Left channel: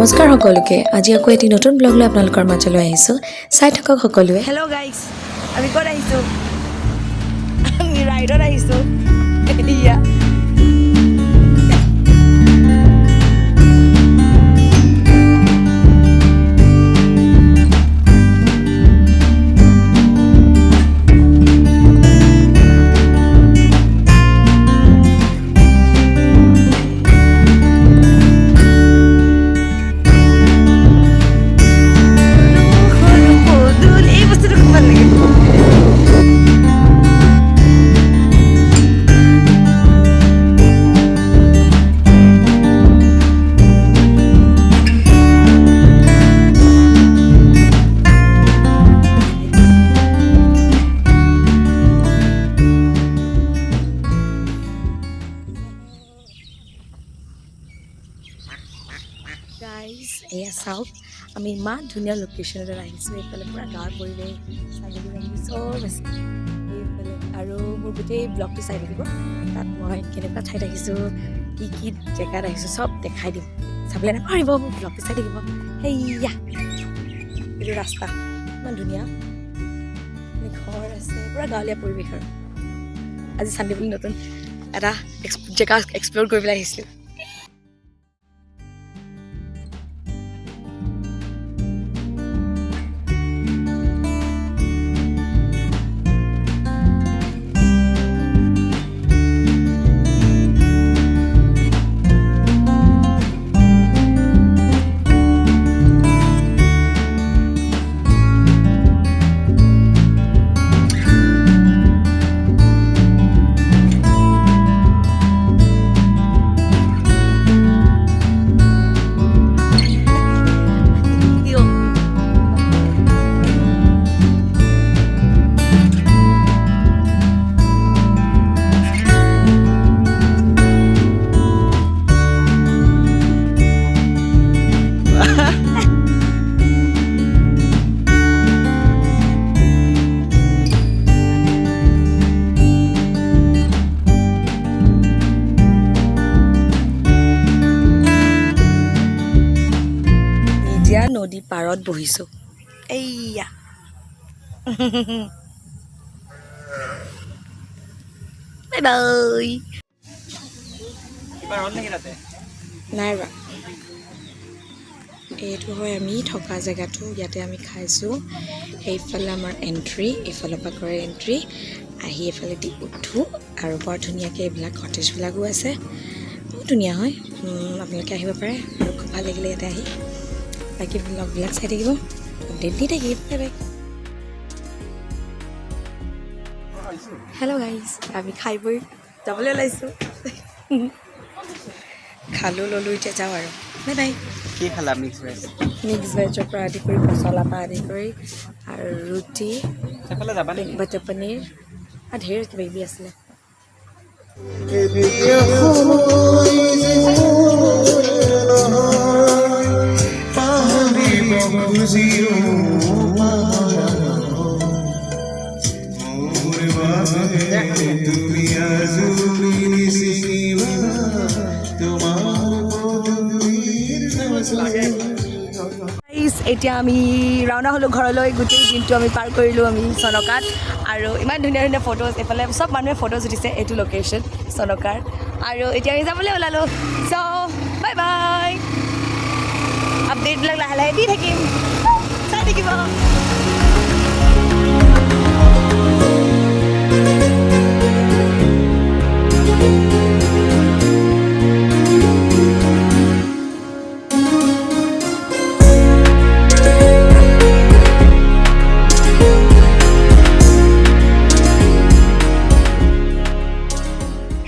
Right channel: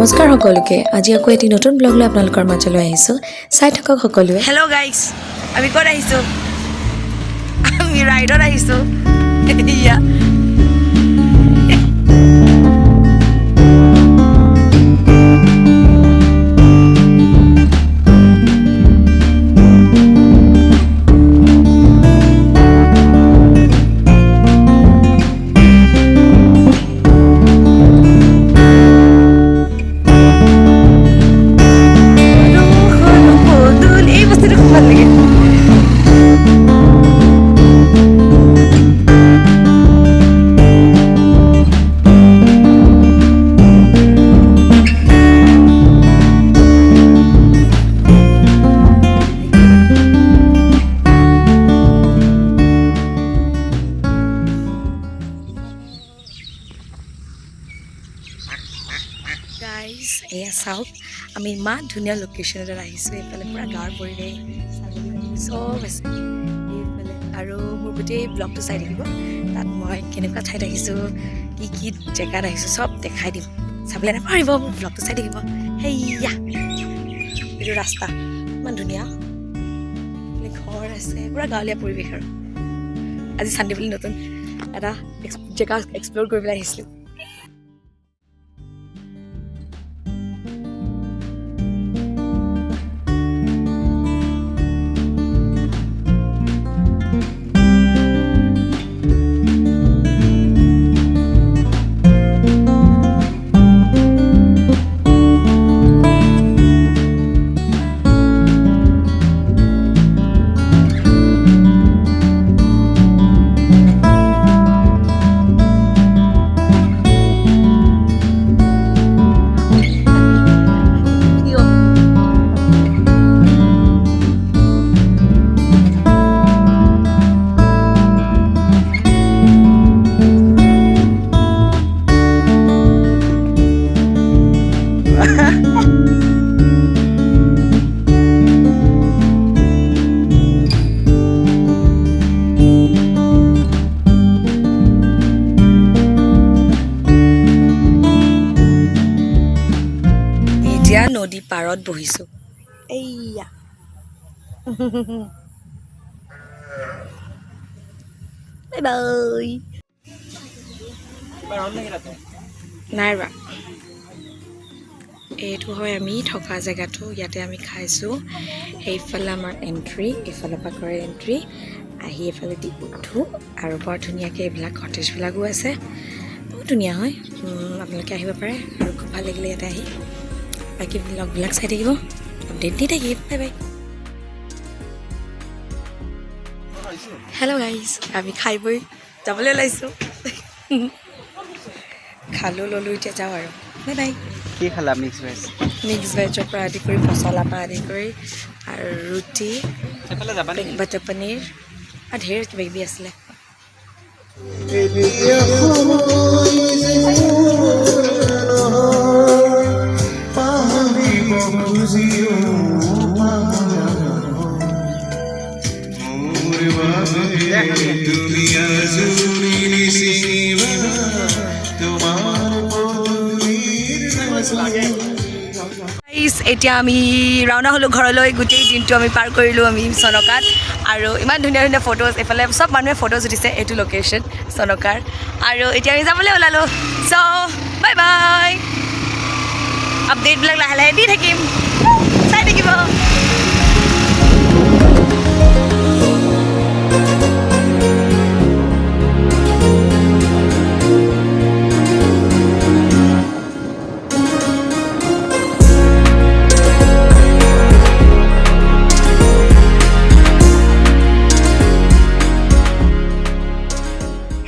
নমস্কাৰ সকলোকে আজি আকৌ এটি নতুন ব্লগ লৈ আপোনালোকৰ মাজলৈ আহিছো চাই থাকক সকলোৱে হেল্ল' গাইজ আমি ক'ত আহিছোঁ আমি ৰাইডত আহিছোঁ ইয়া গাইজ এয়া চাওক আমি ইমান ধুনীয়া লোকেশ্যন এটাত আহিছোঁ এইফালে পূৰা গাঁৱৰ পৰিৱেশ ছাগলী বাগলী চব আছে এইফালে আৰু মোৰ গোটেই ব্লগটো চাই থাকিব তাত মই কেনেকুৱা ঠাইত আহিছোঁ কি কি জেগাত আহিছোঁ চব দেখাই দিম চাবলৈ নাপাহৰিব মোৰ ব্লগটো চাই থাকিব সেয়া এইটো ৰাস্তা ইমান ধুনীয়া ঘৰ আছে পূৰা গাঁৱলীয়া পৰিৱেশ আৰু আজি চানডে বুলি নতুন এটা জেগা এক্সপ্ল'ৰ কৰিবলৈ আহিছিলোঁ এতিয়া নদী পাৰত বহিছোঁ এইয়া বাই বাই নাই ৰা এইটো হয় আমি থকা জেগাটো ইয়াতে আমি খাইছোঁ সেইফালে আমাৰ এণ্ট্ৰি এইফালৰ পৰা কৰে এণ্ট্ৰি আহি এইফালে দি উঠোঁ আৰু বৰ ধুনীয়াকৈ এইবিলাক কটেজবিলাকো আছে বহুত ধুনীয়া হয় আপোনালোকে আহিব পাৰে আৰু খুব ভাল লাগিলে ইয়াতে আহি বাকী ব্লগবিলাক চাই থাকিব আপডেট দি থাকিব বাই বাই হেল্ল' গাইজ আমি খাই বৈ যাবলৈ ওলাইছোঁ খালোঁ ল'লোঁ এতিয়া যাওঁ আৰু বাই বাই কি খালা মিক্স ভেজৰ পৰা আদি কৰি মছলাৰ পৰা আদি কৰি আৰু ৰুটি বাটাৰ পনীৰ আৰু ঢেৰ কিবা কিবি আছিলে এতিয়া আমি ৰাওনা হ'লোঁ ঘৰলৈ গোটেই দিনটো আমি পাৰ কৰিলোঁ আমি চনকাত আৰু ইমান ধুনীয়া ধুনীয়া ফটোজ এইফালে চব মানুহে ফটোজ উঠিছে এইটো লোকেশ্যন চনকাৰ আৰু এতিয়া আমি যাবলৈ ওলালোঁ চ' বাই বাই আপডেটবিলাক লাহে লাহে দি থাকিম চাই থাকিব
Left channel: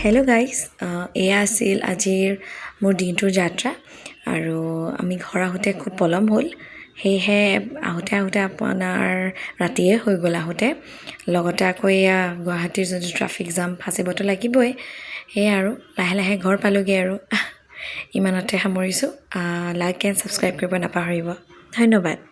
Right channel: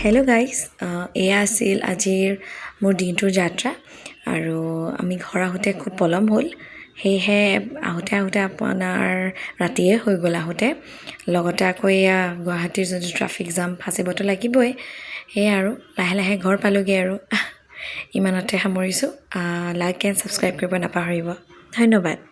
হেল্ল' গাইজ এয়া আছিল আজিৰ মোৰ দিনটোৰ যাত্ৰা আৰু আমি ঘৰ আহোঁতে খুব পলম হ'ল সেয়েহে আহোঁতে আপোনাৰ ৰাতিয়ে হৈ গ'ল আহোঁতে লগতে আকৌ এয়া গুৱাহাটীৰ যোনটো ট্ৰাফিক জাম ফাঁচিবতো লাগিবই সেয়াই আৰু লাহে লাহে ঘৰ পালোঁগৈ আৰু ইমানতে সামৰিছোঁ লাইক এণ্ড ছাবস্ক্ৰাইব কৰিব নাপাহৰিব ধন্যবাদ